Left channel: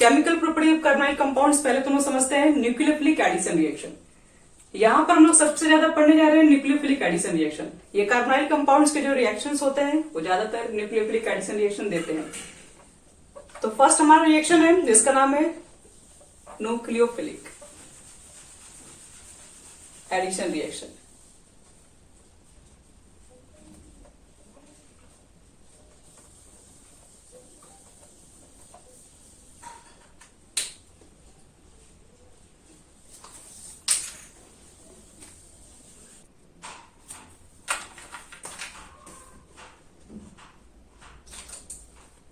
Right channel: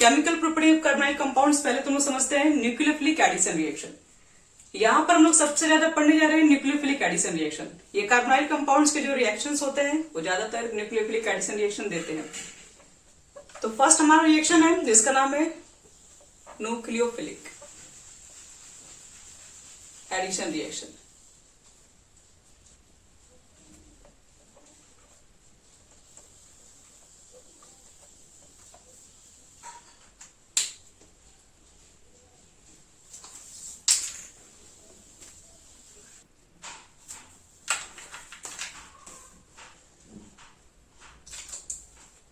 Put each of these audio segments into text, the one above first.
Chemical property of carbonyl compounds पहले तो हम लोग समझते हैं न्यूक्लियोफिलिक एडिशन रिएक्शन। यहां पर हम लोग सबसे ज्यादा पढ़ने जा रहे हैं न्यूक्लियोफिलिक एडिशन रिएक्शन। ये कार्बोनाइल कंपाउंड्स के जो रिएक्शंस होते हैं वो ज्यादातर न्यूक्लियोफिलिक एडिशन रिएक्शन देते हैं। तो फर्स्ट हमारा रिएक्शन है जिसका नाम है न्यूक्लियोफिलिक एडिशन रिएक्शन।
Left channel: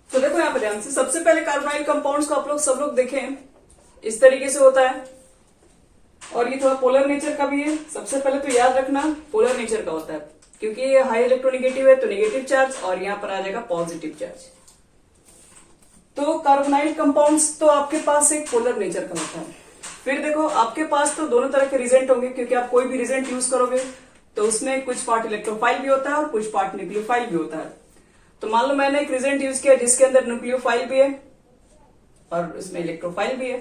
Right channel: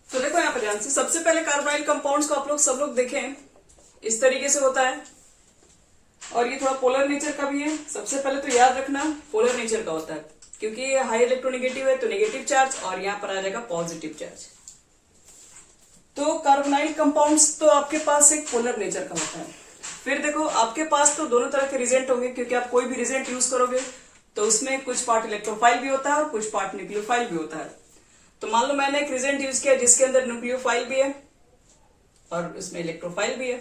तो देखो यहाँ पर ध्यान से, सबसे पहले कार्बोनाइल कंपाउंड्स को आप लोग सब लोग देखें इस तरीके से होता है और ये थोड़ा पोलर नेचर का भी है। सबसे पहले तो याद रखना पोलर नेचर का होता है क्योंकि ये हाई इलेक्ट्रोनेगेटिव है तो नेगेटिव चार्ज और यहाँ पर आ जाएगा पॉजिटिव चार्ज। तो कार्बोनाइल कंपाउंड्स तो आपके पास एक पोलर नेचर का होता है। फिर देखो आपके पास तो दोनों तरह के रिजेंट होंगे क्योंकि आप कोई भी रिजेंट यूज करोगे तो उसमें कुछ पार्ट इलेक्ट्रोफाइल भी होता है और कुछ पार्ट न्यूक्लियोफाइल भी होता है। तो मान लो मैंने एक रिजेंट यूज किया जिसके अंदर न्यूक्लियोफाइल भी है और इसमें इलेक्ट्रोफाइल भी है।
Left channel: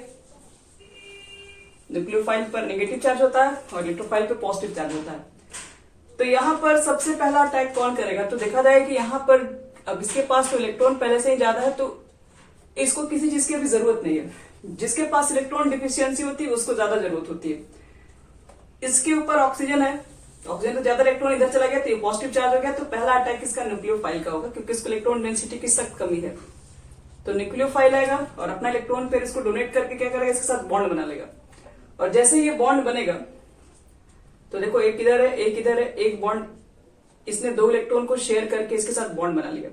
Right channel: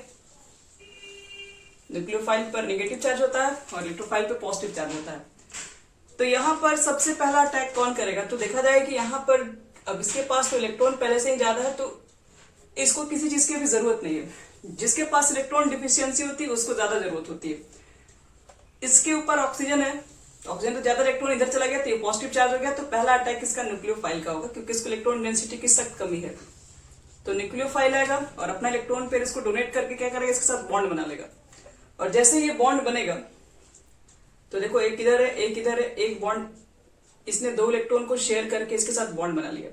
न्यूक्लियोफाइल पर नेगेटिव चार्ज होता है और इलेक्ट्रोफाइल पे पॉजिटिव चार्ज होता है। तो यहाँ पर सबसे पहला अटैक कौन करेगा? तो देखा जाए कि यहाँ पर अब इसके पास तो इलेक्ट्रॉन पहले से ही ज्यादा है तो इसको किसी चीज की भी जरूरत नहीं है। जिसके पास इलेक्ट्रॉन डिफिशियंसी होती है उसको ज्यादा जरूरत होती है। इसके ऊपर ऑक्सीजन है, ऑक्सीजन तो ज्यादा इलेक्ट्रॉन इधर चला गया तो ये पॉजिटिव चार्ज हो गया। तो पहला अटैक इसका न्यूक्लियोफाइल का होगा क्योंकि इसको इलेक्ट्रॉन डेंसिटी की सख्त कमी है। तो न्यूक्लियोफाइल आएगा और अपना इलेक्ट्रॉन फिर इसको डोनेट करके क्या करेगा, इसके साथ बॉन्ड बना लेगा। और जैसे ये बॉन्ड बनेगा तो देखो एक इधर है एक इधर है, एक बॉन्ड इसने दो इलेक्ट्रॉन को शेयर करके इसके साथ बॉन्ड बना लिया।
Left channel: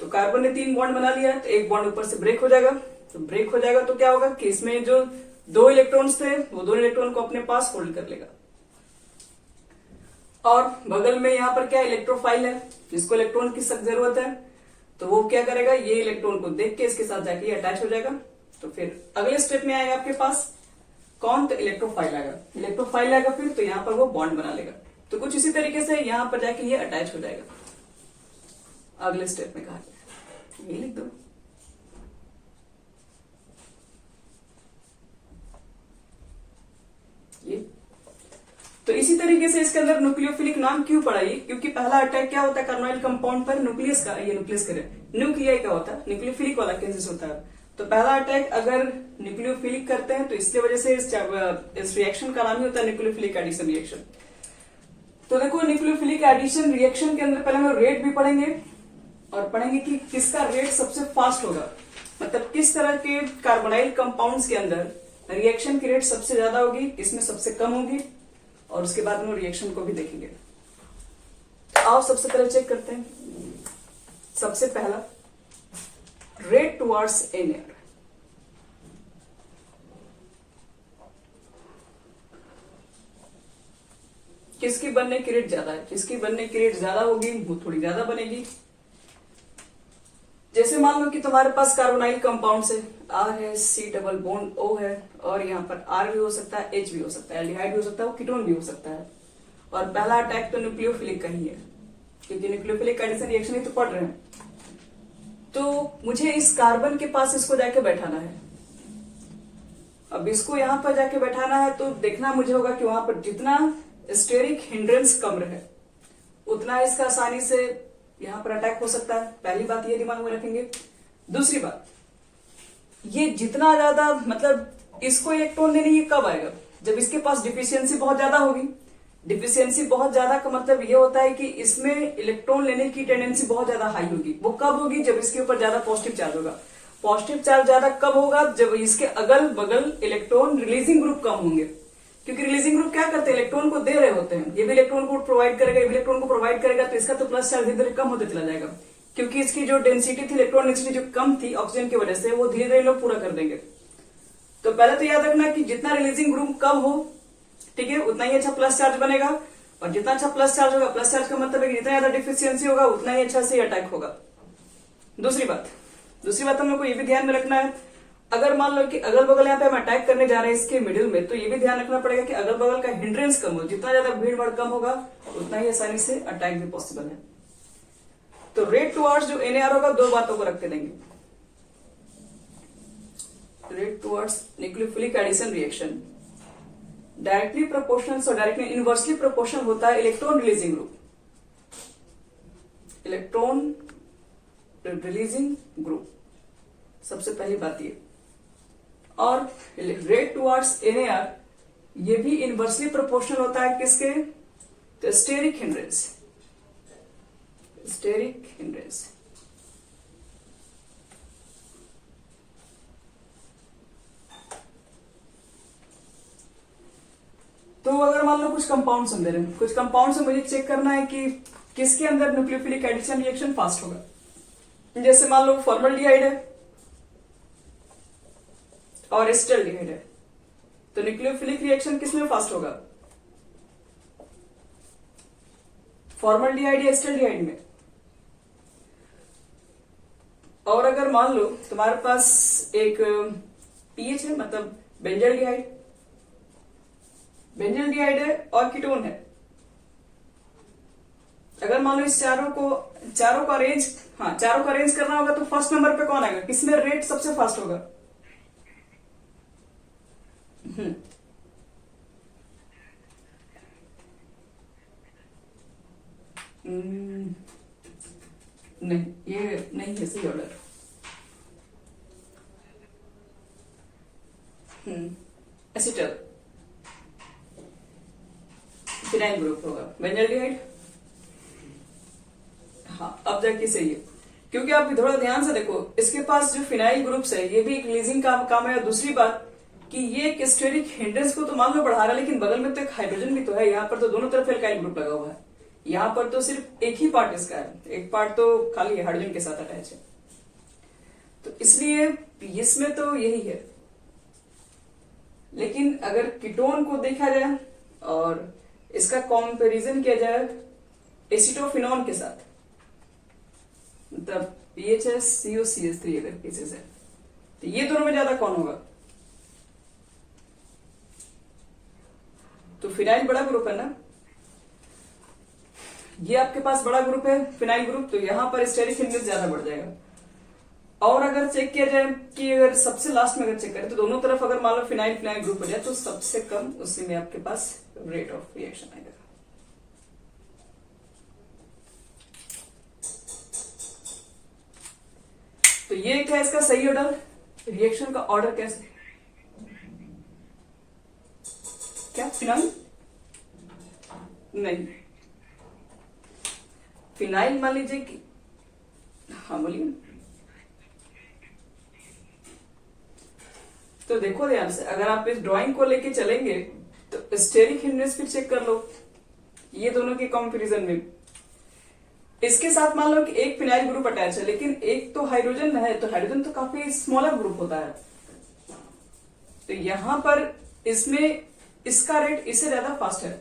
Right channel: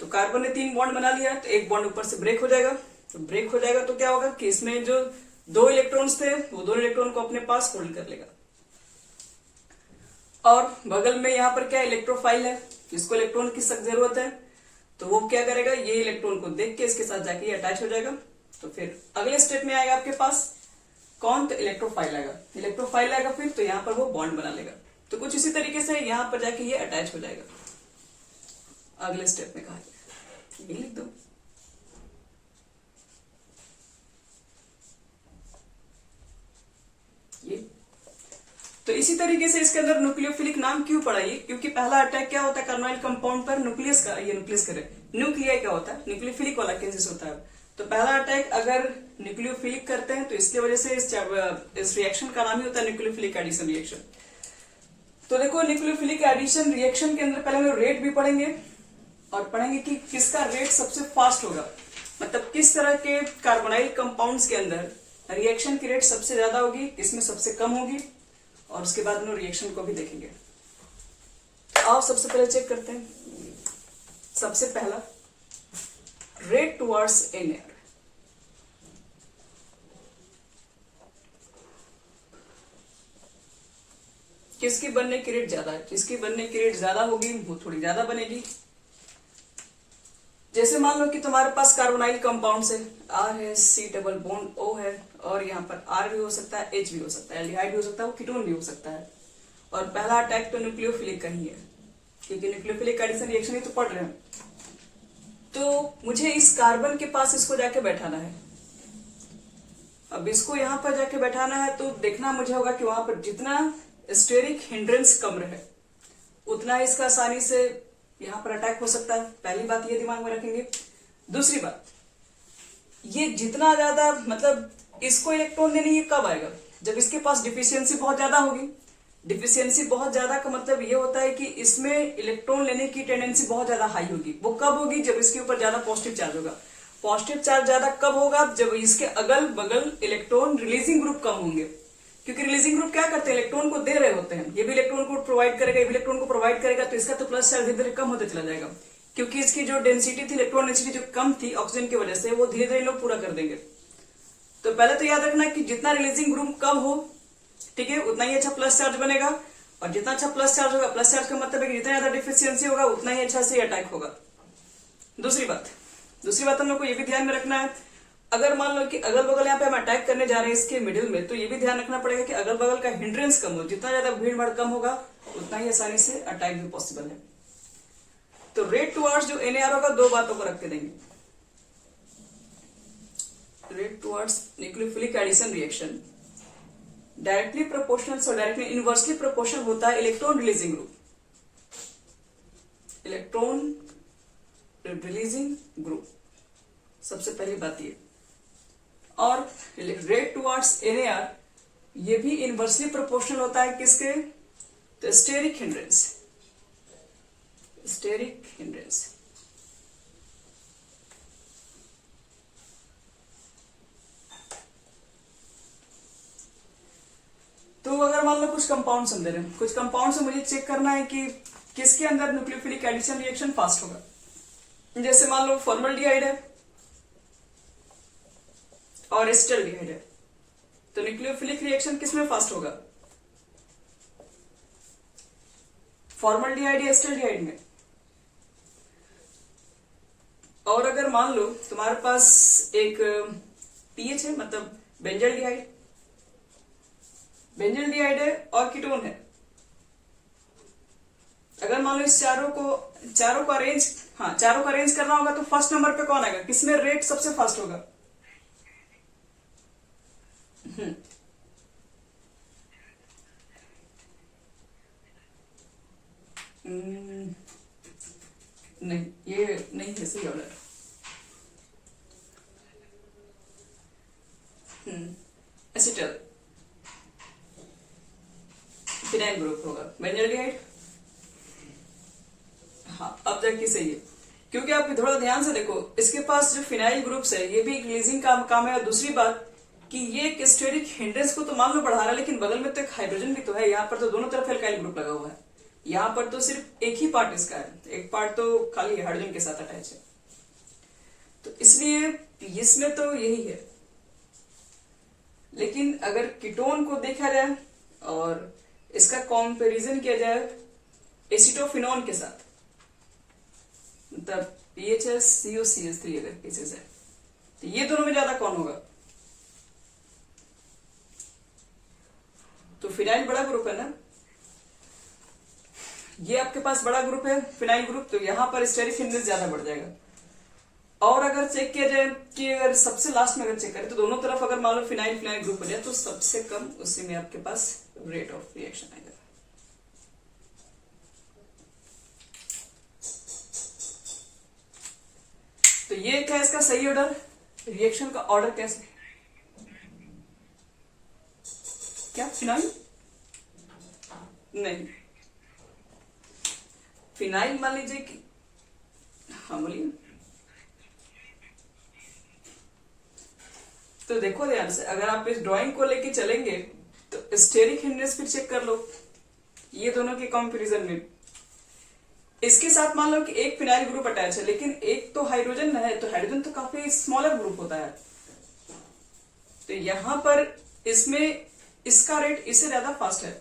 तो कार्बन ने 3 बॉन्ड बना लिया तो एक बॉन्ड ऊपर से ब्रेक हो जाएगा। तो ब्रेक हो जाएगा तो क्या होगा कि इसमें जो 2 इलेक्ट्रॉन्स थे वो दोनों इलेक्ट्रॉन को अपने पास होल्ड कर लेगा। और बगल में यहाँ पर क्या इलेक्ट्रोफाइल है जिसको इलेक्ट्रॉन की सख्त जरूरत है। तो वो क्या करेगा, ये इलेक्ट्रॉन को देख के इसके साथ जाके अटैच हो जाएगा। तो फिर अगले स्टेप में आएगा आपके पास कौन, तो इलेक्ट्रोफाइल आएगा। इलेक्ट्रोफाइल आएगा फिर तो यहाँ पर वो बॉन्ड बना लेगा। तो कुछ इसी तरीके से यहाँ पर जाके ये अटैच हो जाएगा। अगले स्टेप में कहा गया ये लिख दो। ये तो इसी तरीके से इसके अंदर न्यूक्लियोफिलिक नाम क्यों पड़ा ये, क्योंकि पहला अटैक क्या होता है कार्बोनाइल कंपाउंड पर न्यूक्लियस का, ये न्यूक्लियस करे न्यूक्लियाई का होता है, न्यूक्लियोफिलिक वाला केसेस होता है। तो पहला अटैक अगर न्यूक्लियोफिलिक करते हैं तो इसके वजह से इस रिएक्शन का नाम ही होता है न्यूक्लियोफिलिक एडिशन रिएक्शन। तो देखो न्यूक्लियोफिलिक एडिशन रिएक्शन के अंदर पहले हम रेट भी पढ़ेंगे और पढ़ेंगे कि किसका रेट सबसे फास्ट होगा, मतलब किस तरह के कार्बोनाइल कंपाउंड्स के अंदर रिएक्शन की रेट सबसे ज्यादा होगी, किसमें सबसे कम होगी, और उसके बाद में रिएक्शन को भी देखेंगे। तो आओ सबसे पहले चेक करते हैं। सबसे पहला रेट टुवर्ड्स NaR। किसकी बनने की रेट ज्यादा है? जिसकी बनने की रेट ज्यादा होगी वो थोड़ी ज्यादा बनेगी। जैसे मान लो कि तुम्हारे पास कार्बोनाइल कंपाउंड्स है, R है, C डबल बॉन्ड O है और यहाँ पर R भी हो सकता है, H भी हो सकता है, एल्डिहाइड भी हो सकता है, वो कीटोन भी हो सकता है। और पहला अटैक तो न्यूक्लियोफिलिक का ही है क्योंकि न्यूक्लियोफिलिक एडिशन रिएक्शन ही तो पढ़ रहे हैं। तो मुझे इस कार्बन के पास इसको जाके बैठाना है। अब इसको यहाँ पर जाके बैठाना है तो देखना मुझे होगा कि वहां पर जितना स्टेरिक हिंड्रेंस कम रहे उतना इसका आसानी से यहाँ पर अटैक हो सकता है। पहली बात ये दिमाग में रखेंगे। दूसरी बात, ये जितना ज्यादा मतलब इसको इलेक्ट्रॉन देने ये कब आएगा, जब इसके पास डिफिशियंसी बहुत ज्यादा होगी। डिफिशियंसी बहुत ज्यादा का मतलब ये होता है कि इसमें इलेक्ट्रॉन लेने की टेंडेंसी बहुत ज्यादा हाई होगी। वो कब होगी, जब इसके ऊपर ज्यादा पॉजिटिव चार्ज होगा। पॉजिटिव चार्ज ज्यादा कब होगा, जब इसके अगल बगल इलेक्ट्रॉन रिलीजिंग ग्रुप कम होंगे। क्योंकि रिलीजिंग ग्रुप क्या करते हैं, इलेक्ट्रॉन को दे रहे होते हैं। ये भी इलेक्ट्रॉन को प्रोवाइड करेगा, ये भी इलेक्ट्रॉन को प्रोवाइड करेगा, तो इसका तो प्लस चार्ज धीरे धीरे कम होते चला जाएगा। क्योंकि इसकी जो डेंसिटी थी, इलेक्ट्रॉन डेंसिटी जो कम थी ऑक्सीजन की वजह से, वो धीरे धीरे लोग पूरा कर देंगे। तो पहले तो याद रखना कि जितना रिलीजिंग ग्रुप कम हो, ठीक है, उतना ही अच्छा प्लस चार्ज बनेगा। और जितना अच्छा प्लस चार्ज होगा, प्लस चार्ज का मतलब है कि जितना ज्यादा डिफिशियंसी होगा उतना ही अच्छा से अटैक होगा। दूसरी बात हम लोग को ये भी ध्यान में रखना है, अगर मान लो कि अगल बगल यहाँ पे हम अटैक करने जा रहे हैं इसके मिडिल में, तो ये भी ध्यान रखना पड़ेगा कि अगल बगल का हिंड्रेंस कम हो। जितना ज्यादा भीड़ भाड़ कम होगा उतना ही आसानी से अटैक भी पॉसिबल है। तो रेट टुवर्ड्स जो NaR होगा, 2 बातों को रख के देंगे। Rate towards nucleophilic addition reaction directly proportional और डायरेक्टली इनवर्सली प्रोपोर्शनल होता है electron releasing group, electron releasing group सबसे पहली बात ये। और रेट टुवर्ड्स NAR ये भी इनवर्सली प्रोपोर्शनल होता है किसके, तो स्टेरिक हिंड्रेंस, स्टेरिक हिंड्रेंस। तो अगर मान लो कुछ कंपाउंड समझ रहे हैं, कुछ कंपाउंड से मुझे चेक करना है कि किसके अंदर न्यूक्लियोफिलिक एडिशन रिएक्शन फास्ट होगा। जैसे मान लो फॉर्मल्डिहाइड है और एसिटाल्डिहाइड है, तो न्यूक्लियोफिलिक रिएक्शन किसमें फास्ट होगा, फॉर्मल्डिहाइड या एसिटाल्डिहाइड में। और अगर मान लो तुम्हारे पास एक पीएच है, मतलब बेंजल्डिहाइड, बेंजल्डिहाइड है और कीटोन है, अगर मान लो इस चारों को अरेंज करना होगा तो फर्स्ट नंबर पे कौन आएगा, किसमें रेट सबसे फास्ट होगा, नहीं ये नहीं है सही ऑर्डर। एसिटल फिनाइल ग्रुप होगा, बेंजल्डिहाइड। हाँ अब जाके सही है, क्योंकि आप थोड़ा ध्यान से देखो, इसके पास जो फिनाइल ग्रुप्स है ये भी एक रिलीजिंग काम है। और दूसरी बात कि ये एक स्टेरिक हिंड्रेंस को तो मान लो बढ़ा रहा है, लेकिन बगल में तो एक हाइड्रोजन भी तो है, यहाँ पर तो दोनों तरफ एल्काइल ग्रुप लगा हुआ है, यहाँ पर तो सिर्फ एक ही पार्ट इसका है, एक पार्ट तो खाली हाइड्रोजन के साथ अटैच है, तो इसलिए इसमें तो यही है। लेकिन अगर कीटोन को देखा जाए और इसका कंपैरिजन किया जाए एसिटोफिनॉन के साथ, मतलब PHS COCH3 अगर केसेस है, तो ये दोनों में ज्यादा कौन होगा, तो फिनाइल बड़ा ग्रुप है ना, ये आपके पास बड़ा ग्रुप है फिनाइल ग्रुप, तो यहां पर स्टेरिक हिंड्रेंस ज्यादा बढ़ जाएगा। और अगर चेक किया जाए कि अगर सबसे लास्ट में अगर चेक करें तो दोनों तरफ अगर मान लो फिनाइल फिनाइल ग्रुप हो जाए तो सबसे कम उसी में आपके पास रेट ऑफ रिएक्शन आएगा। तो ये क्या इसका सही ऑर्डर, रिएक्शन का ऑर्डर कैसे, क्या फिनाइल नहीं, फिनाइल मान लीजिए कि, हाँ बोलिए, तो देखो ध्यान से, अगर आप इस ड्राइंग को लेके चलेंगे तो स्टेरिक हिंड्रेंस फिर चेक कर लो, ये दोनों के कंपैरिजन में इसके साथ मान लो कि एक फिनाइल ग्रुप अटैच है, लेकिन एक तो हाइड्रोजन है, तो हाइड्रोजन तो काफी स्मॉलर ग्रुप होता है, तो यहां पर इसमें इसका रेट इससे ज्यादा फास्ट है।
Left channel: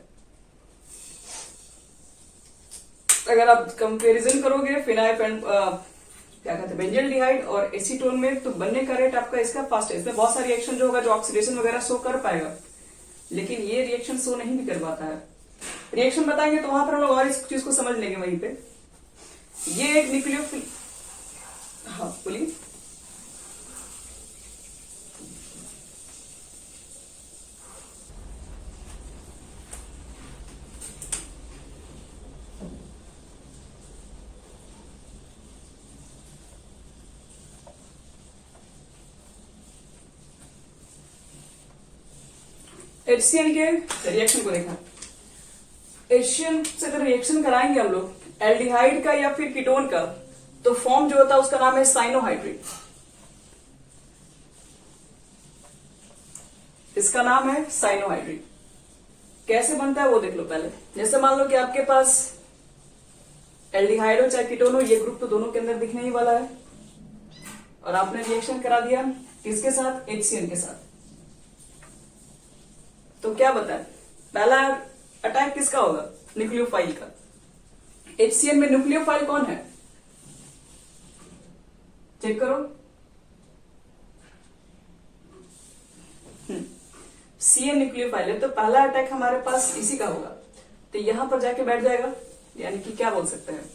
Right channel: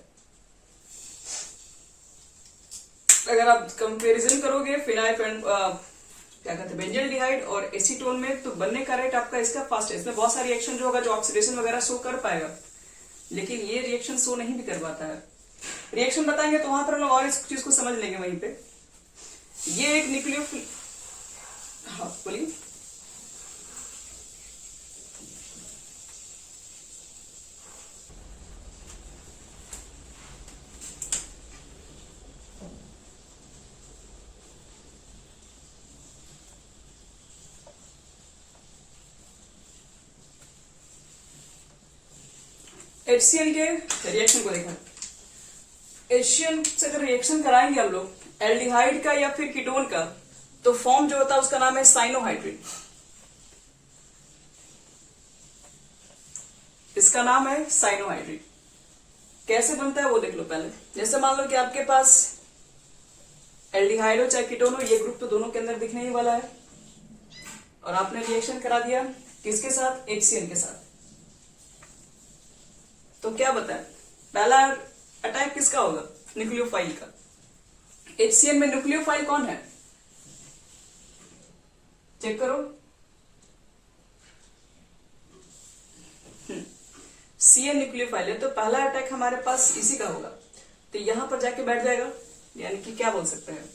अगर आप कंपैरिजन करोगे फिनाइल क्या कहते हैं बेंजल्डिहाइड और एसीटोन में, तो बनने का रेट आपका इसका फास्ट है। इसमें बहुत सारी रिएक्शन जो होगा जो ऑक्सीडेशन वगैरह शो कर पाएगा, लेकिन ये रिएक्शन शो नहीं भी कर पाता है। रिएक्शन बताएंगे तो वहां पर हम लोग और इस चीज को समझ लेंगे वहीं पे। ये एक न्यूक्लियोफिल, हाँ बोलिए, HCl के रिएक्शन को देखा, HCl से अगर रिएक्शन कराएंगे हम लोग एल्डिहाइड का या फिर कीटोन का, तो फॉर्म जो होता है उसका नाम है साइनोहाइड्रिन, इसका नाम है साइनोहाइड्रिन। कैसे बनता है वो देख लो पहले। जैसे मान लो कि आपके पास एल्डिहाइड हो चाहे कीटोन हो, ये ग्रुप तो दोनों के अंदर दिखने ही वाला है, और आपने रिएक्शन करा दिया किसके साथ, HCl के साथ। तो क्या बताए, पहला अटैक किसका होगा, न्यूक्लियोफाइल का। HCl में न्यूक्लियोफाइल कौन है, चेक करो, Cl न्यूक्लियोफाइल है, तो पहला अटैक हमारे पास इसी का होगा, तो यहां पर जाके बैठ जाएगा, यानी कि क्या बोल सकते हैं,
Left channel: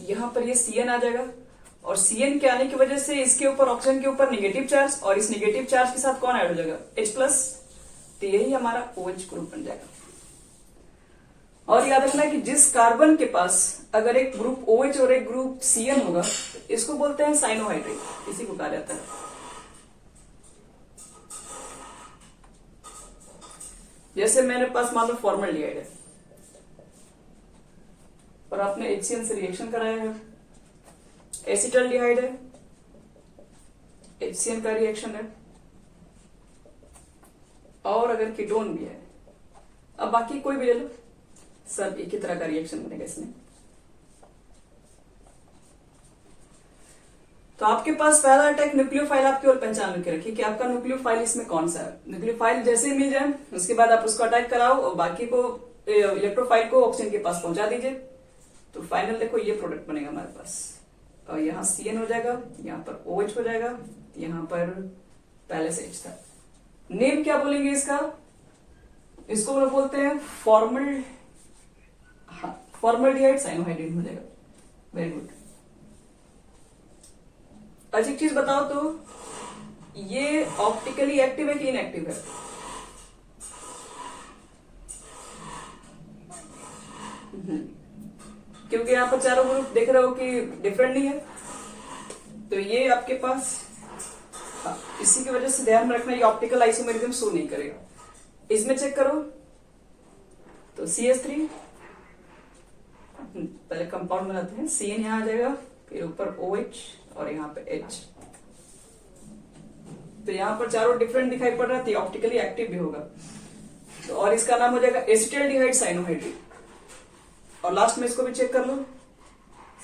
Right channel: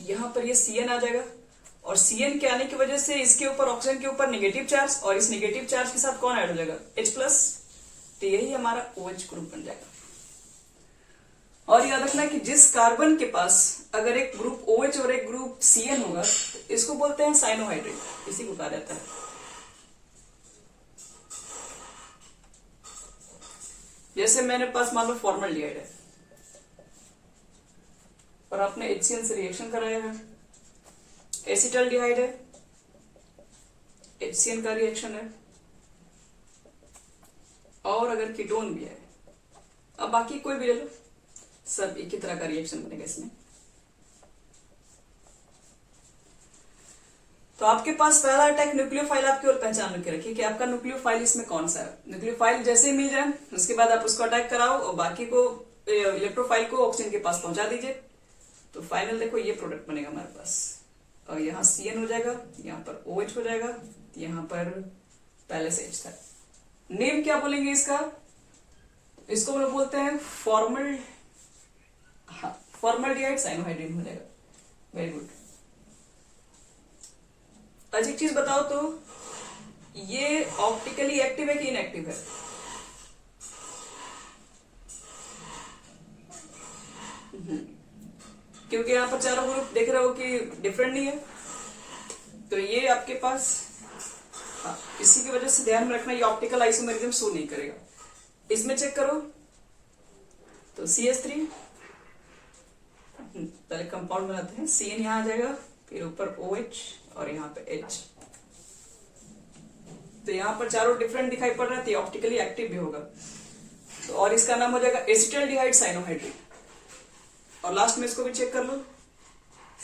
यहां पर ये Cn आ जाएगा और Cn के आने की वजह से इसके ऊपर ऑक्सीजन के ऊपर नेगेटिव चार्ज, और इस नेगेटिव चार्ज के साथ कौन ऐड हो जाएगा, H+, तो यही हमारा OH ग्रुप बन जाएगा। और याद रखना कि जिस कार्बन के पास अगर एक ग्रुप OH और एक ग्रुप Cn होगा तो इसको बोलते हैं साइनोहाइड्रेट, इसी को कहा जाता है। जैसे मेरे पास मान लो फॉर्मल्डिहाइड है और आपने HCl से रिएक्शन कराया है, एसिटल्डिहाइड है, HCl का रिएक्शन है, और अगर कीटोन भी है, अब बाकी कोई भी ले लो, सब एक ही तरह का रिएक्शन बनेगा इसमें। तो आपके पास पहला अटैक न्यूक्लियोफाइल आप केवल पहचान के रखिए कि आपका न्यूक्लियोफाइल इसमें कौन सा है। न्यूक्लियोफाइल जैसे ही मिल जाए उसके बाद आप उसको अटैक कराओ और बाकी को इलेक्ट्रोफाइल को ऑक्सीजन के पास पहुंचा दीजिए। तो फाइनल देखो ये प्रोडक्ट बनेगा हमारे पास, और यहाँ Cn हो जाएगा, यहाँ पर OH हो जाएगा, यहाँ पर पहले से H था। नेम क्या बोलेंगे इसका, इसको हम लोग बोलते हैं फॉर्मल्डिहाइड साइनोहाइड्रिन हो जाएगा। Very good. अच्छा एक चीज बताओ तो ये ऑप्टिकली एक्टिव है कि इनएक्टिव है, क्योंकि यहाँ पर चारों ग्रुप देख रहे हो कि डिफरेंट नहीं है, तो ये आपके पास इसी की वजह से ध्यान रखना ये ऑप्टिकल आइसोमेरिज्म शो नहीं करेगा। इसमें चेक करो तो CH3 पहले कंपाउंड बनाते हैं, Cn यहाँ आ जाएगा, फिर ऊपर OH और यहाँ पे H, तो यहाँ पर चारों डिफरेंट दिखाई पड़ रहा है, तो ऑप्टिकली एक्टिव भी होगा। तो और इसका नाम हो जाएगा एसिटल्डिहाइड साइनोहाइड्रिन। और लास्ट में इसको भी चेक कर लो,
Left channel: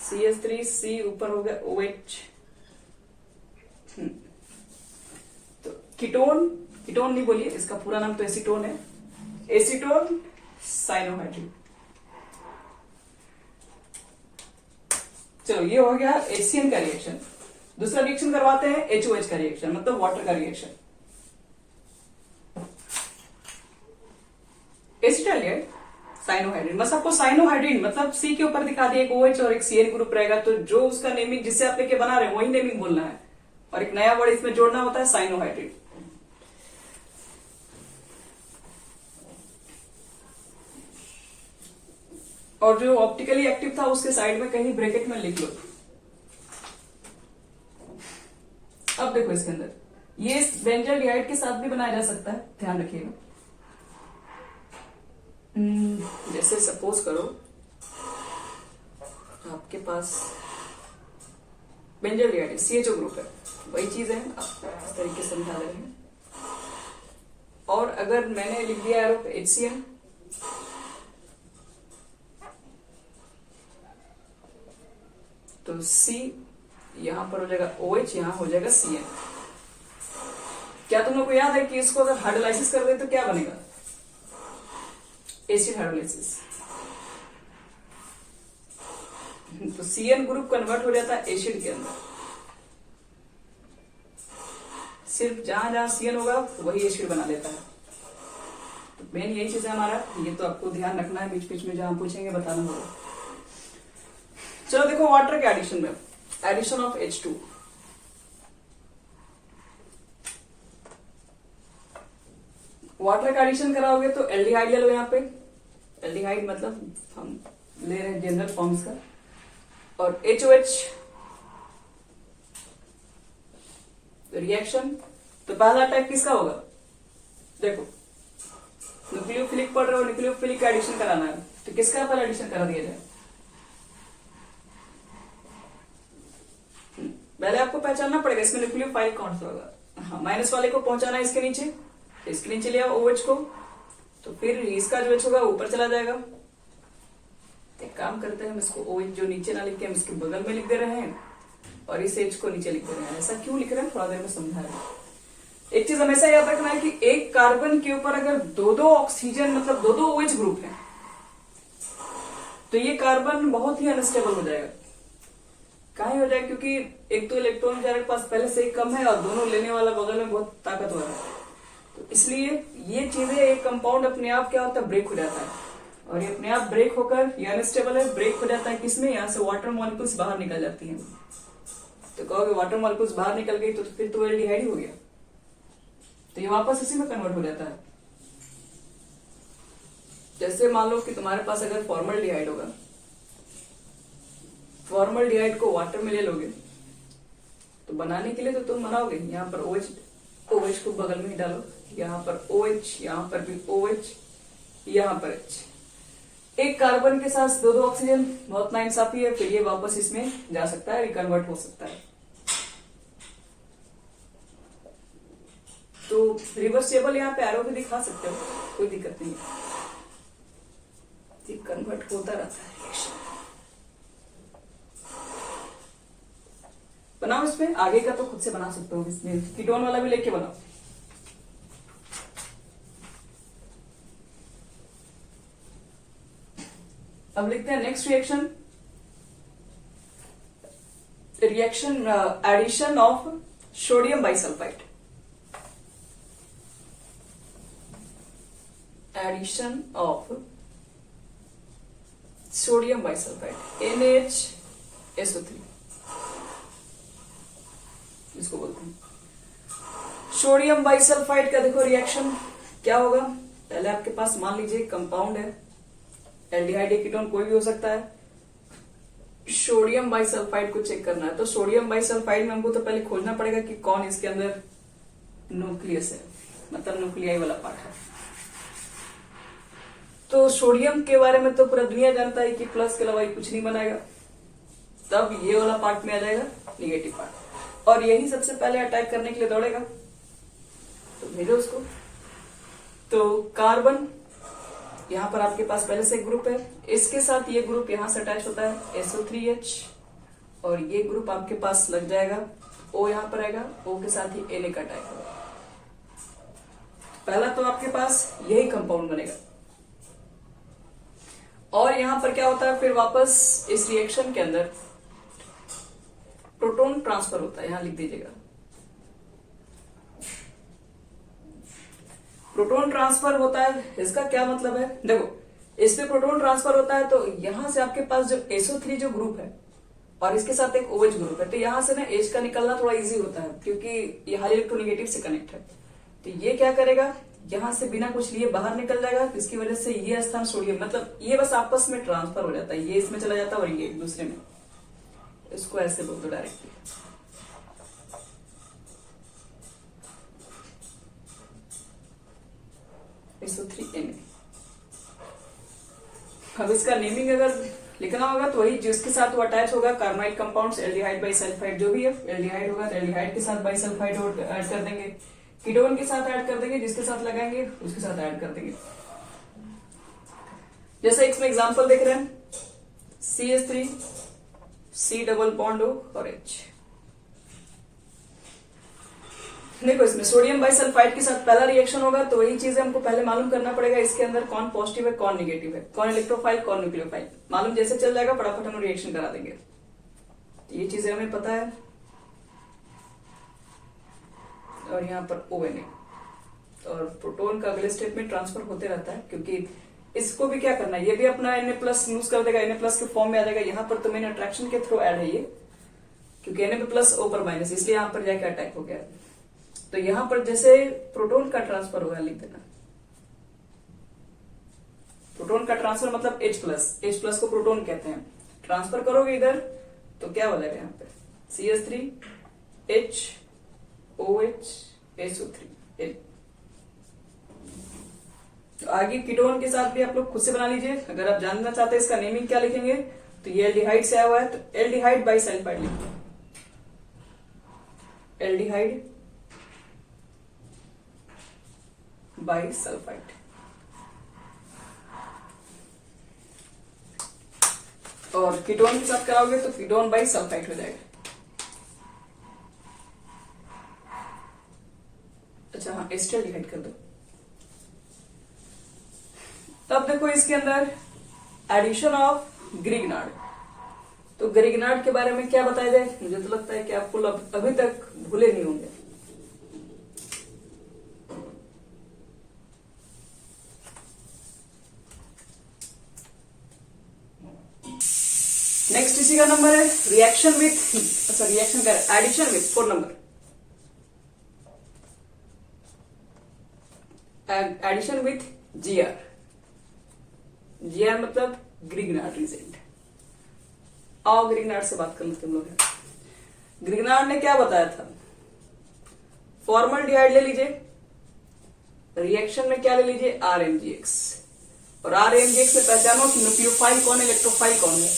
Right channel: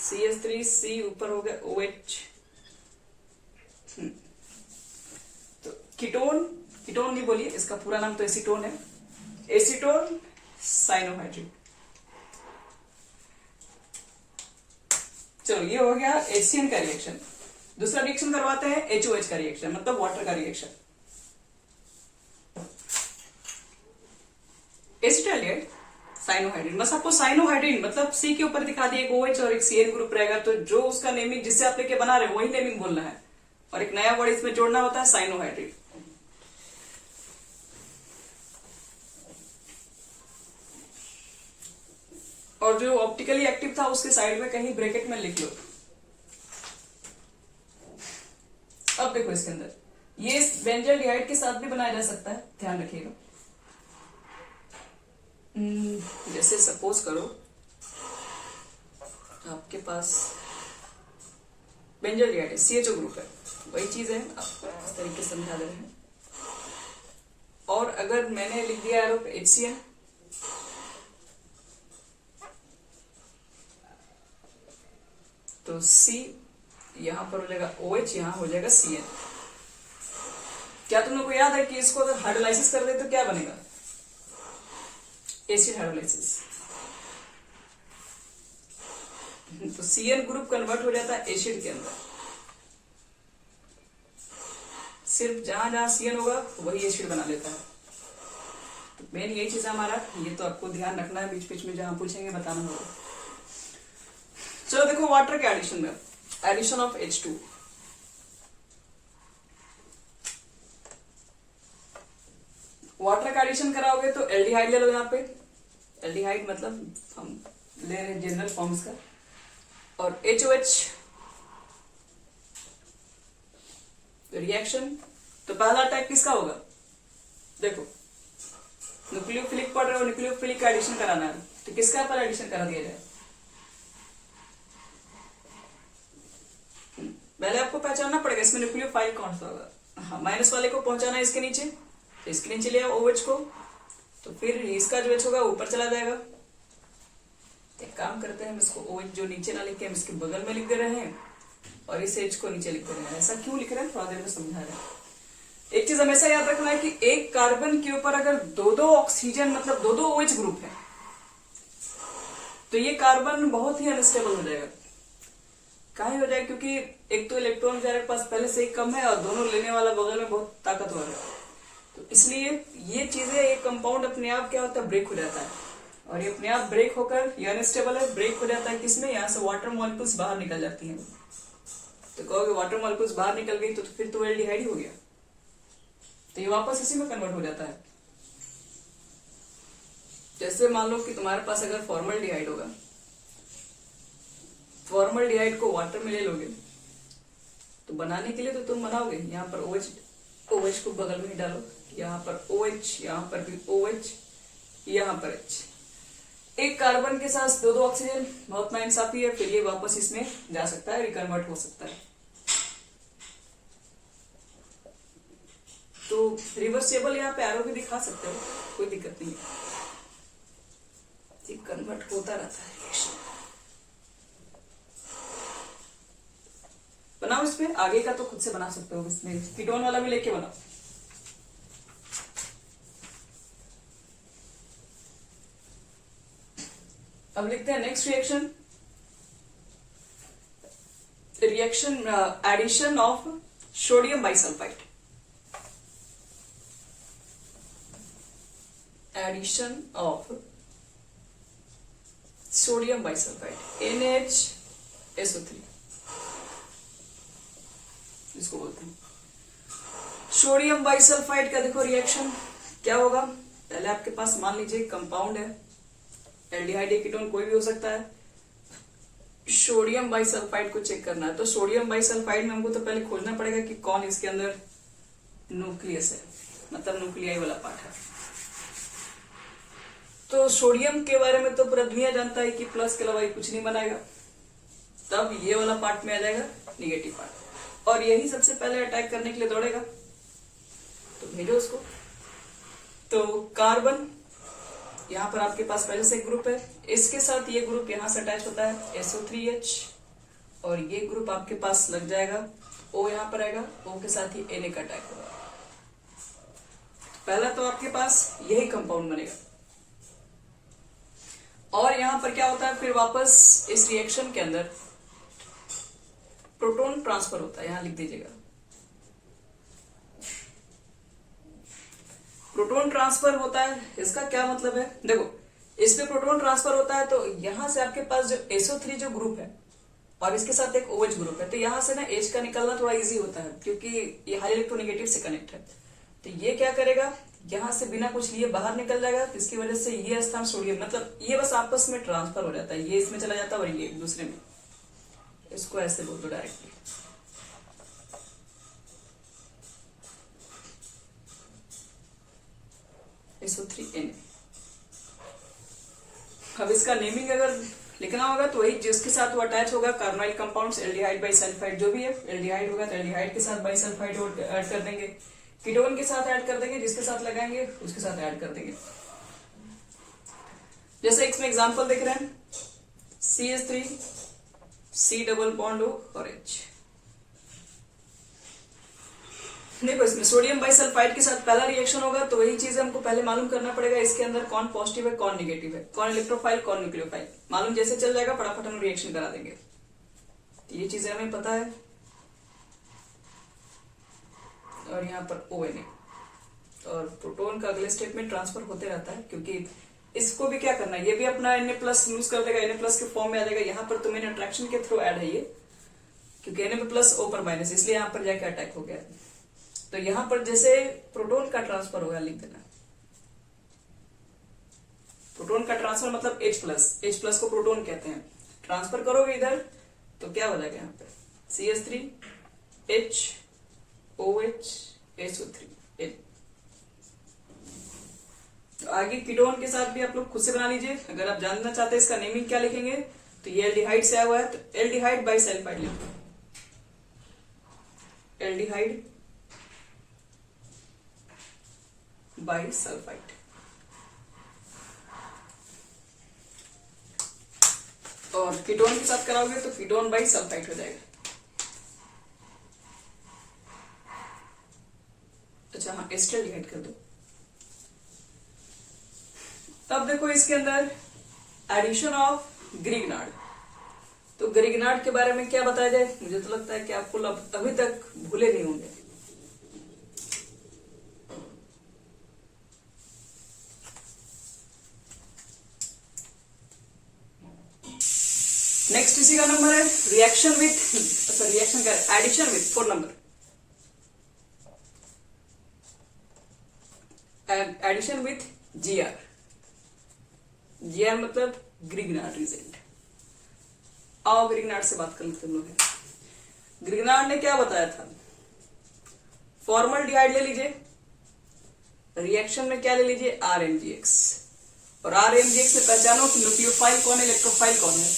CH3C ऊपर हो गया OH। तो कीटोन नहीं बोलिए, इसका पूरा नाम तो एसीटोन है, एसीटोन साइनोहाइड्रिन। चलो ये हो गया HCl का रिएक्शन। दूसरा रिएक्शन करवाते हैं HOH का रिएक्शन, मतलब वाटर का रिएक्शन। एसिटल्डिहाइड साइनोहाइड्रिन, बस आपको साइनोहाइड्रिन मतलब C के ऊपर दिखा दिया, एक OH और एक Cl ग्रुप रहेगा, तो जो उसका नेमिंग जिससे आप लेके बना रहे हो वही नेमिंग बोलना है, और एक नया वर्ड इसमें जोड़ना होता है साइनोहाइड्रिन। और जो ऑप्टिकली एक्टिव था उसके साइड में कहीं ब्रैकेट में लिख लो। अब देखो इसके अंदर ये बेंजल्डिहाइड के साथ भी बनाया जा सकता है, ध्यान रखिएगा। जैसे सपोज करो आपके पास बेंजल्डिहाइड है, CHO ग्रुप है, वही चीज है, इस तरीके से समझा दे रहे हैं। और अगर मैंने लिख दिया HCl, तो C यहां पर हो जाएगा OH, यहां हो जाएगा Cn। क्या तुम लोग को याद है कि इसको अगर हाइड्रोलाइसिस कर दे तो क्या बनेगा, एसिड हाइड्रोलाइसिस। तो Cn ग्रुप कन्वर्ट हो जाता है एसिड के अंदर, सिर्फ जहां जहां Cn होगा वही एसिड बना लेता है। तो मेन यही चीज है हमारा, ये तो आपको ध्यान रखना है, बीच बीच में जहां पूछेंगे बताना होगा। चलो देखो वाटर के एडिशन में, एडिशन ऑफ H2। वाटर का एडिशन कराओगे तो एल्डिहाइड ले लो, यहाँ पे एल्डिहाइड मतलब हम ले रहे हैं जनरल फॉर्म्स का, और HOH रिएक्शन। तो पहला अटैक किसका होगा, देखो न्यूक्लियोफिलिक पढ़ रहे हो, न्यूक्लियोफिलिक का एडिशन कराना है, तो किसका पहले एडिशन करा दिया जाए, पहले आपको पहचानना पड़ेगा इसमें न्यूक्लियोफाइल कौन सा होगा। हाँ, माइनस वाले को पहुंचाना है इसके नीचे, तो इसके नीचे लिया OH को, तो फिर इसका जो H होगा ऊपर चला जाएगा। एक काम करते हैं, हम इसको OH जो नीचे ना लिख के हम इसके बगल में लिख दे रहे हैं, और इस H को नीचे लिख दे रहे हैं। ऐसा क्यों लिख रहे हैं थोड़ा देर में समझा रहे हैं। एक चीज हमेशा याद रखना है कि एक कार्बन के ऊपर अगर दो ऑक्सीजन मतलब दो OH ग्रुप है, तो ये कार्बन बहुत ही अनस्टेबल हो जाएगा। काहे हो जाए, क्योंकि एक तो इलेक्ट्रॉन के पास पहले से ही कम है और दोनों लेने वाला बगल में बहुत ताकतवर है, तो इसलिए ये चीजें एक कंपाउंड अपने आप क्या होता है, ब्रेक हो जाता है, और ये अपने आप ब्रेक होकर ये अनस्टेबल है, ब्रेक हो जाता है किसमें, यहाँ से वाटर मॉलिक्यूल्स बाहर निकल जाती हैं। कहोगे वाटर मॉलिक्यूल्स बाहर निकल गई तो फिर तो एल्डिहाइड ही हो गया, तो ये वापस इसी में कन्वर्ट हो जाता है। जैसे मान लो कि तुम्हारे पास अगर फॉर्मल्डिहाइड होगा, फॉर्मल्डिहाइड को वाटर में ले लोगे तो बनाने के लिए तो तुम बनाओगे, यहाँ पर OH को बगल में ही डालो, यहाँ पर OH, यहाँ पर भी OH, यहाँ पर H, एक कार्बन के साथ दो ऑक्सीजन, बहुत नाइंसाफी है। फिर ये वापस इसमें जा सकता है, रिकन्वर्ट हो सकता है। तो रिवर्सिबल यहाँ पे एरो भी दिखा सकते हो, कोई दिक्कत नहीं है, कन्वर्ट होता रहता है। बनाओ इसमें, आगे का तो खुद से बना सकते हो, इसमें कीटोन वाला भी लेके बनाओ। अब लिखते हैं next reaction, reaction addition of sodium bisulphite, addition of sodium bisulphite NaHSO3 इसको बोलते हैं। सोडियम बाइसल्फाइड का देखो रिएक्शन क्या होगा। पहले आपके पास मान लीजिए कंपाउंड है, एल्डिहाइड कीटोन कोई भी हो सकता है। सोडियम बाइसल्फाइड को चेक करना है, तो सोडियम बाइसल्फाइड में हमको तो पहले खोजना पड़ेगा कि कौन इसके अंदर न्यूक्लियस है, मतलब न्यूक्लियाई वाला पार्ट है। तो सोडियम के बारे में तो पूरा दुनिया जानता है कि प्लस के अलावा कुछ नहीं बनाएगा, तब ये वाला पार्ट में आ जाएगा निगेटिव पार्ट, और यही सबसे पहले अटैक करने के लिए दौड़ेगा, तो भेजो उसको। तो कार्बन यहाँ पर आपके पास पहले से एक ग्रुप है, इसके साथ ये ग्रुप यहाँ से अटैच होता है SO3H, और ये ग्रुप आपके पास लग जाएगा, O यहाँ पर आएगा, O के साथ ही Na का अटैक होगा। पहला तो आपके पास यही कंपाउंड बनेगा, और यहां पर क्या होता है, फिर वापस इस रिएक्शन के अंदर प्रोटॉन ट्रांसफर होता है, यहां लिख दीजिएगा। प्रोटॉन ट्रांसफर होता है, इसका क्या मतलब है, देखो इसमें प्रोटॉन ट्रांसफर होता है तो यहां से आपके पास जो SO3 जो ग्रुप है और इसके साथ एक OH ग्रुप है, तो यहां से ना H का निकलना थोड़ा इजी होता है क्योंकि ये हाई इलेक्ट्रोनेगेटिव से कनेक्ट है। तो ये क्या करेगा, यहां से बिना कुछ लिए बाहर निकल जाएगा, इसकी वजह से ये स्थान सोडियम, मतलब ये बस आपस में ट्रांसफर हो जाता है, ये इसमें चला जाता है और ये एक दूसरे में, इसको ऐसे बोल दो डायरेक्टली। SO3Na। अब इसका नेमिंग अगर लिखना होगा तो वही जिसके साथ वो अटैच होगा, कार्बोनाइल कंपाउंड्स, एल्डिहाइड बाइसल्फाइड जो भी है, एल्डिहाइड होगा तो एल्डिहाइड के साथ बाइसल्फाइड ऐड कर देंगे, कीटोन के साथ ऐड कर देंगे, जिसके साथ लगाएंगे उसके साथ ऐड कर देंगे। जैसे इसमें एग्जांपल देख रहे हैं, CH3 C double bond O और H। देखो इसमें सोडियम बाइसल्फाइड के साथ पहला रिएक्शन होगा, तो वही चीजें हमको पहले मालूम करना पड़ेगा, इसके अंदर कौन पॉजिटिव है कौन निगेटिव है, कौन इलेक्ट्रोफाइल कौन न्यूक्लियोफाइल, मालूम जैसे चल जाएगा फटाफट हम रिएक्शन करा देंगे। तो ये चीजें हमें पता है, और यहाँ पर ONA, और प्रोटॉन का अगले स्टेप में ट्रांसफर होते रहता है, क्योंकि इसको भी क्या करना है, ये भी अपना Na+ यूज कर देगा, Na+ के फॉर्म में आ जाएगा। यहाँ पर तो मेन अट्रैक्शन के थ्रू ऐड है ये, क्योंकि Na+ O पर माइनस, इसलिए यहाँ पर जाके अटैक हो गया। तो यहाँ पर जैसे प्रोटॉन का ट्रांसफर होगा, लिख देना प्रोटॉन का ट्रांसफर मतलब H+ को प्रोटॉन कहते हैं। ट्रांसफर करोगे इधर तो क्या बनेगा, यहाँ पे CH3H OH SO3। आगे कीटोन के साथ भी आप लोग खुद से बना लीजिए। अगर आप जानना चाहते हैं इसका नेमिंग क्या लिखेंगे, तो ये एल्डिहाइड से आया हुआ है, तो एल्डिहाइड बाइसल्फाइड लिखो, एल्डिहाइड बाइसल्फाइड। और कीटोन के साथ कराओगे तो कीटोन बाइसल्फाइड हो जाएगा। अच्छा हाँ, एस्टरडिहाइड कर दो। अब देखो इसके अंदर एडिशन ऑफ ग्रिग्नार्ड, तो ग्रिग्नार्ड के बारे में क्या बताया जाए, मुझे तो लगता है कि आपको अभी तक भूले नहीं होंगे। नेक्स्ट इसी का नंबर है रिएक्शन विथ, अच्छा रिएक्शन कर addition with 4 number, addition with GR. GR मतलब ग्रिग्नार्ड रिजेंट। आओ ग्रिग्नार्ड से बात कर लेते हम लोग। ग्रिग्नार्ड ने क्या बताया था, फॉर्मल्डिहाइड ले लीजिए, रिएक्शन में क्या ले लीजिए RMGX, और RMGX में पहचानो कि न्यूक्लियोफाइल कौन है, इलेक्ट्रोफाइल कौन है।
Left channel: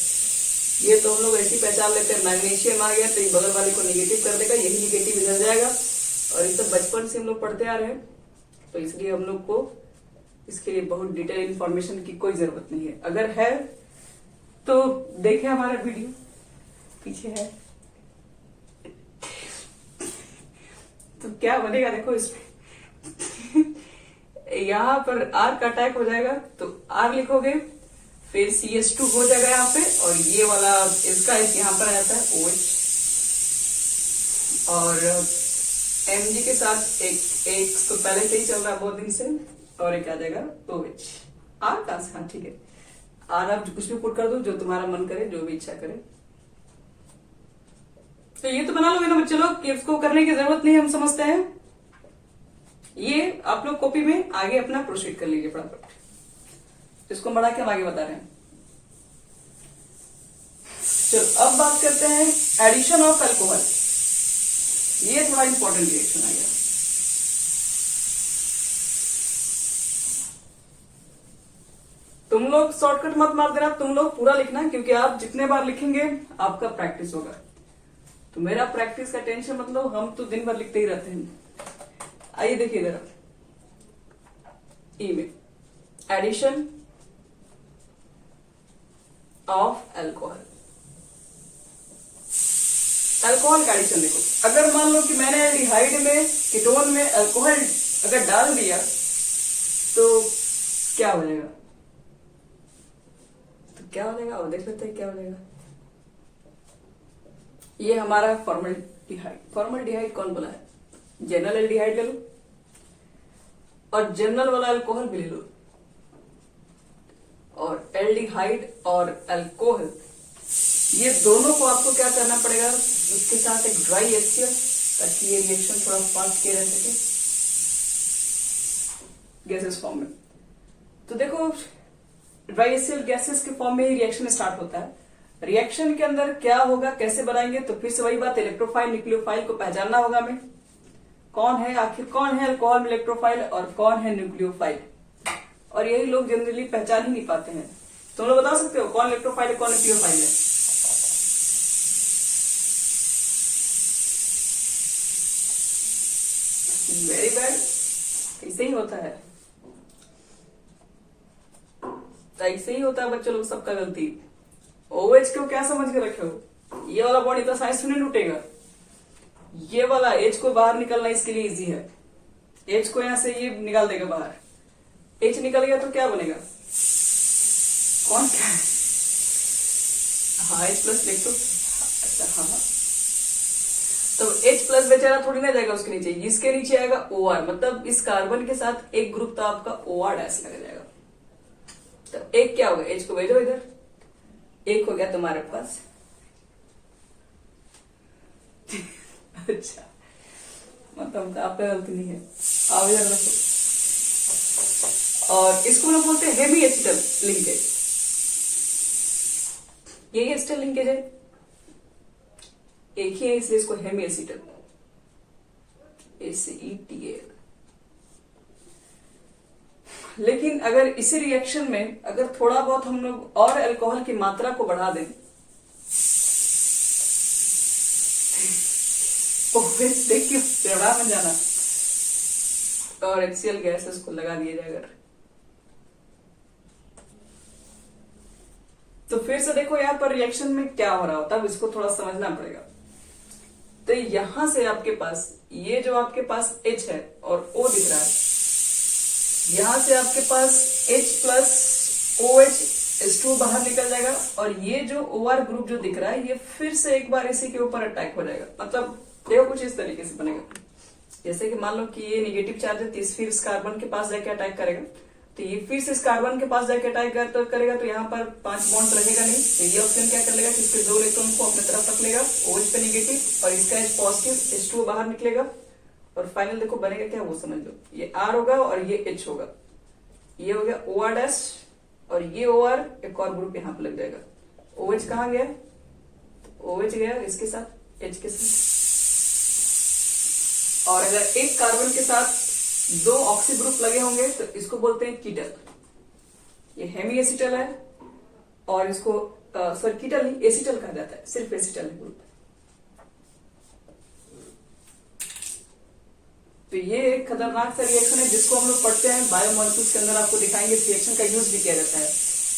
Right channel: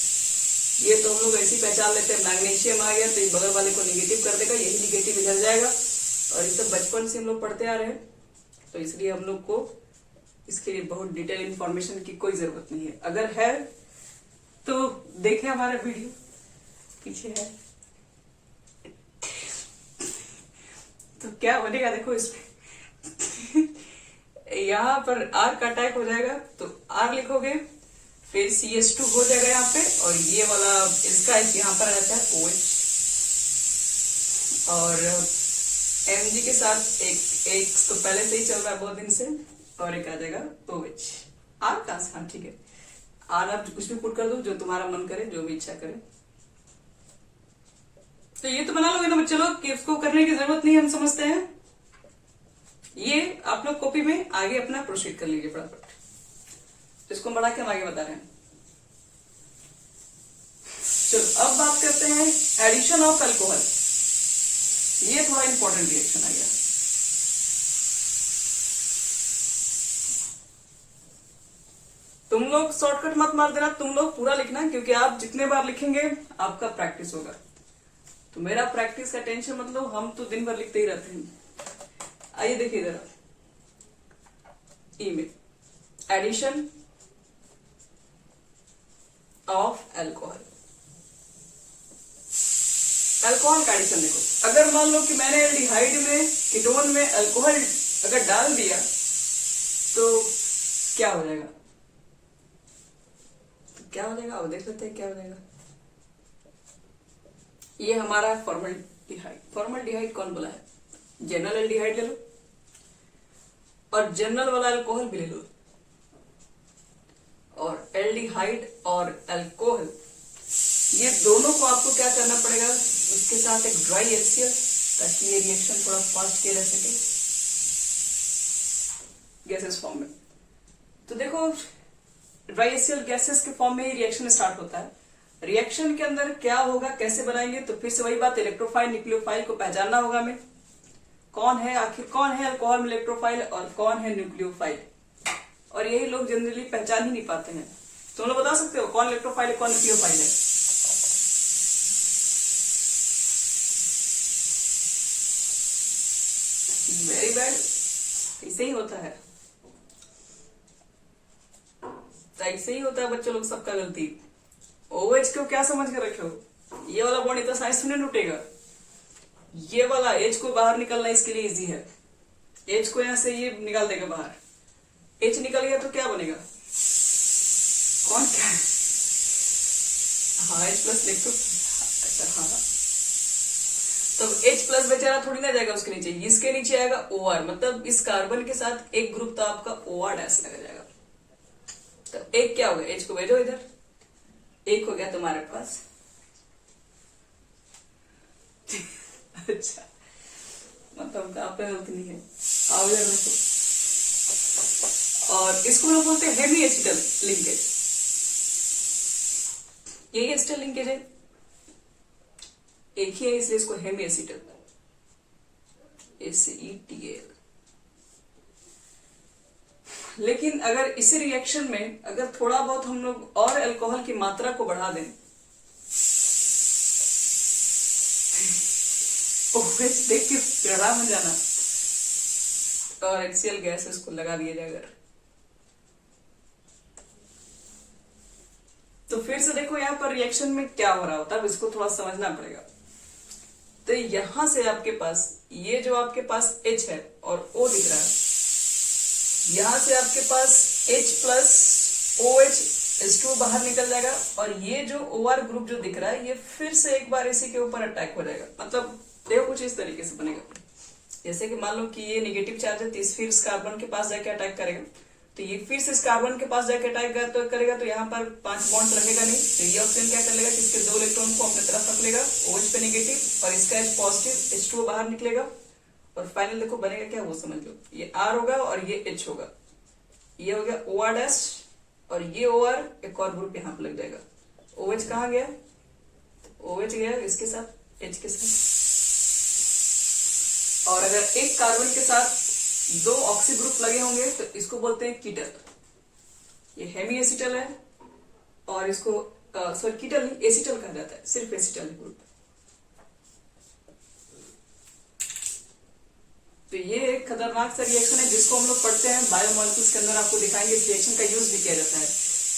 ये तो हम लोग ऐसी पहचान लेते हैं, मैग्नीशियम आ गया तो ये बगल वाले को निगेटिव कर देगा, यही निगेटिव इधर जाएगा, और ये तो बचपन से हम लोग पढ़ते आ रहे हैं, तो इसलिए हम लोग को इसके लिए बहुत डिटेल इंफॉर्मेशन की कोई जरूरत नहीं है। अगर है तो देखें हमारा वीडियो, पीछे है तो क्या बनेगा देखो इसमें यहाँ पर R का अटैक हो जाएगा तो R लिखोगे, फिर CH2 हो जाएगा यहाँ पे, और ये वाला इसका यहाँ पर रहता है OH, और Mg के साथ एक तो पहले से ही चल रहा है बहुत दिन से, और एक आ जाएगा OH। R कहां से, हाँ ठीक है, R आप कुछ भी पुट कर दो जो तुम्हारा मन करे, जो भी इच्छा करे। तो ये तो बना लोगे ना बच्चे लोग कि इसको करने की जरूरत नहीं, हम समझते हैं। ये आप लोग कॉपी में आगे अपना प्रोसीड कर लीजिए फटाफट, इसको बढ़ा के हम आगे बता रहे हैं। चलो अब बात करते हैं एडिशन ऑफ अल्कोहल। ये थोड़ा इंपॉर्टेंट रिएक्शन है यार। तुम लोग शॉर्टकट मत मार देना, तुम लोग पूरा लिखना, क्योंकि आप जितने बार लिखेंगे आपका प्रैक्टिस होगा। तो मेरा प्रैक्टिस का टेंशन मतलब, हम तो दिन भर लिखते ही रहते हैं। आइए देखिए जरा, ई में एडिशन ऑफ अल्कोहल, अल्कोहल का एडिशन देखो। अगर मान लो कि मैंने एल्डिहाइड में कीटोन में अल्कोहल अगर डाल दिया तो क्या हो जाएगा, तो क्या हो जाएगा वो देख लेते हैं क्या हो जाएगा। ये हमारा फॉर्मल्डिहाइड, फॉर्मल्डिहाइड कौन बोला है, जनरल एल्डिहाइड ले लो और जनरल वाला अल्कोहल भी ले लो, और एल्डिहाइड और अल्कोहल ये दोनों को आपको क्या करना पड़ेगा, उसके साथ एक ड्राई HCl, ताकि ये रिएक्शन थोड़ा फास्ट किया जा सके गैसेस फॉर्म में। तो देखो ड्राई HCl गैसेस के फॉर्म में ही रिएक्शन स्टार्ट होता है। रिएक्शन के अंदर क्या होगा, कैसे बनाएंगे, तो फिर से वही बात, इलेक्ट्रोफाइल न्यूक्लियोफाइल को पहचानना होगा हमें, कौन है आखिर, कौन है अल्कोहल में इलेक्ट्रोफाइल और कौन है न्यूक्लियोफाइल, और यही लोग जनरली पहचान ही नहीं पाते हैं। तुम लोग बता सकते हो कौन इलेक्ट्रोफाइल है कौन न्यूक्लियोफाइल है? वेरी बैड, ऐसे ही होता है, ऐसे ही होता है बच्चे लोग, सबका गलती। OH को क्या समझ के रखे हो, ये वाला बॉन्ड इतना साइंस में नहीं टूटेगा, ये वाला H को बाहर निकलना इसके लिए इजी है, H को यहां से ये निकाल देगा बाहर, H निकल गया तो क्या बनेगा, कौन क्या है, हाँ H प्लस लिख दो, अच्छा हाँ, तो H प्लस बेचारा थोड़ी ना जाएगा उसके नीचे, इसके नीचे आएगा OR, मतलब इस कार्बन के साथ एक ग्रुप तो आपका OR डैश लग जाएगा। तो एक क्या होगा, H को भेजो इधर, एक हो गया तुम्हारे पास अच्छा मतलब आपका गलती नहीं है, आप इधर रखो। और इसको हम बोलते हैं हेमी एसिटल लिंकेज, यही एसिटल लिंकेज है, एक ही है इसलिए इसको हेमी एसिटल, ACETAL। लेकिन अगर इसी रिएक्शन में अगर थोड़ा बहुत हम लोग और अल्कोहल की मात्रा को बढ़ा दें तो देख के चढ़ा में जाना, और HCl गैस इसको लगा दिया जाए अगर, तो फिर से देखो यहाँ पर रिएक्शन में क्या हो रहा होता है, इसको थोड़ा समझना पड़ेगा। तो यहां से आपके पास ये जो आपके पास H है और O दिख रहा है, यहां से आपके पास H प्लस OH H2 बाहर निकल जाएगा, और ये जो OR ग्रुप जो दिख रहा है ये फिर से एक बार इसी के ऊपर अटैक हो जाएगा। मतलब देखो कुछ इस तरीके से बनेगा, जैसे कि मान लो कि ये नेगेटिव चार्ज है तो फिर इस कार्बन के पास जाके अटैक करेगा, तो ये फिर से इस कार्बन के पास जाके अटैक तो करेगा, तो यहाँ पर 5 बॉन्ड रहेगा नहीं, तो ये ऑप्शन क्या कर लेगा कि इसके 2 इलेक्ट्रॉन को अपने तरफ रख लेगा, OH पे नेगेटिव और इसका H पॉजिटिव, H2 बाहर निकलेगा और फाइनल देखो बनेगा क्या वो समझ लो, ये R होगा और ये H होगा, ये हो गया OR डैश और ये OR एक और ग्रुप यहाँ पे लग जाएगा। OH कहाँ गया, OH गया इसके साथ H के साथ, और अगर एक कार्बन के साथ 2 ऑक्सी ग्रुप लगे होंगे तो इसको बोलते हैं कीटल। ये हेमी एसिटल है और इसको सॉरी कीटल नहीं एसिटल कहा जाता है, सिर्फ एसिटल है ग्रुप। तो ये एक खतरनाक सा रिएक्शन है जिसको हम लोग पढ़ते हैं बायोमॉलिक्यूल्स के अंदर, आपको दिखाएंगे रिएक्शन का यूज भी किया जाता है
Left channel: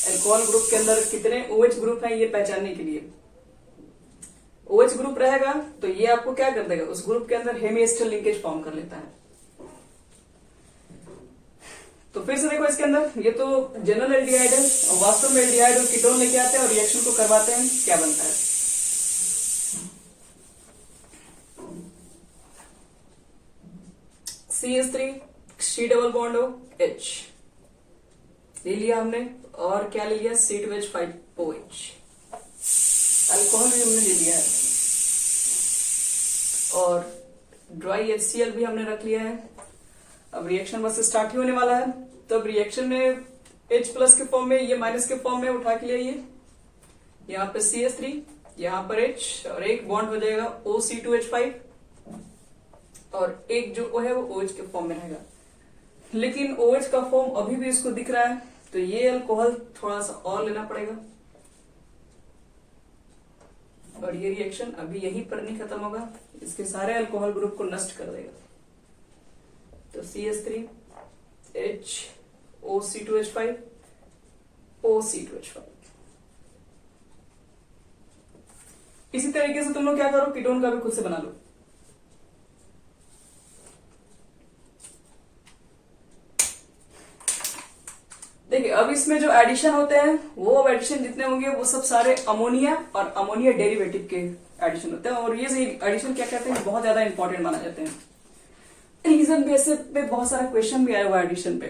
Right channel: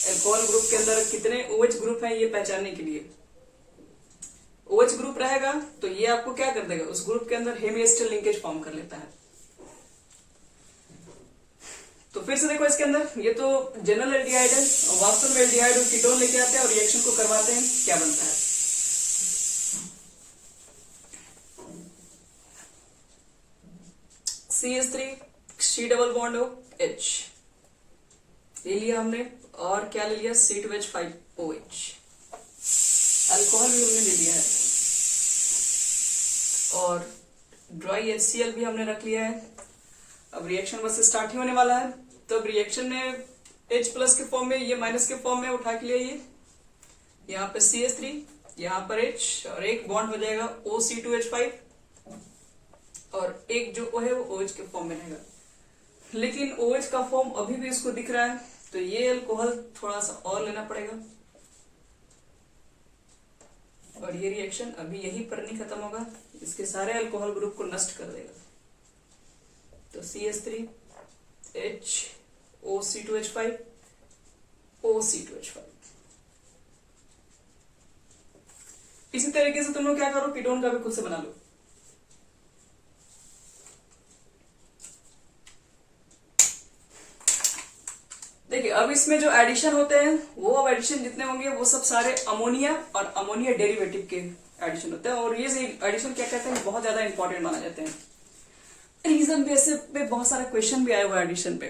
अल्कोहल ग्रुप के अंदर कितने OH ग्रुप है ये पहचानने के लिए। OH ग्रुप रहेगा तो ये आपको क्या कर देगा, उस ग्रुप के अंदर हेमी एसिटल लिंकेज फॉर्म कर लेता है। तो फिर से देखो इसके अंदर ये तो जनरल एल्डिहाइड है और वास्तव में एल्डिहाइड और कीटोन लेके आते हैं और रिएक्शन को करवाते हैं, क्या बनता है। CH3 C डबल बॉन्ड हो H ले लिया हमने और क्या ले लिया C2H5OH, अल्कोहल भी हमने ले लिया है और ड्राई HCl भी हमने रख लिया है। अब रिएक्शन बस स्टार्ट ही होने वाला है, तब रिएक्शन में H प्लस के फॉर्म में, ये माइनस के फॉर्म में उठा के लिए यहाँ पे CH3, यहाँ पर H और एक बॉन्ड हो जाएगा OC2H5 और एक जो O है वो OH के फॉर्म में रहेगा। लेकिन OH का फॉर्म अभी भी इसको दिख रहा है तो ये अल्कोहल थोड़ा सा और लेना पड़ेगा और ये रिएक्शन अभी यहीं पर नहीं खत्म होगा, इसके सारे अल्कोहल ग्रुप को नष्ट कर देगा। तो CH3 H OC2H5 OC2H5। इसी तरीके से तुम लोग क्या करो, कीटोन का भी खुद से बना लो। देखिए अब इसमें जो एडिशन होते हैं वो अब एडिशन जितने होंगे वो सब सारे अमोनिया और अमोनिया डेरिवेटिव के एडिशन होते हैं और ये एडिशन क्या कहते हैं बहुत ज्यादा इंपॉर्टेंट माना जाते हैं। रीजन बेसिस पे बहुत सारा क्वेश्चन भी आया हुआ एडिशन पे।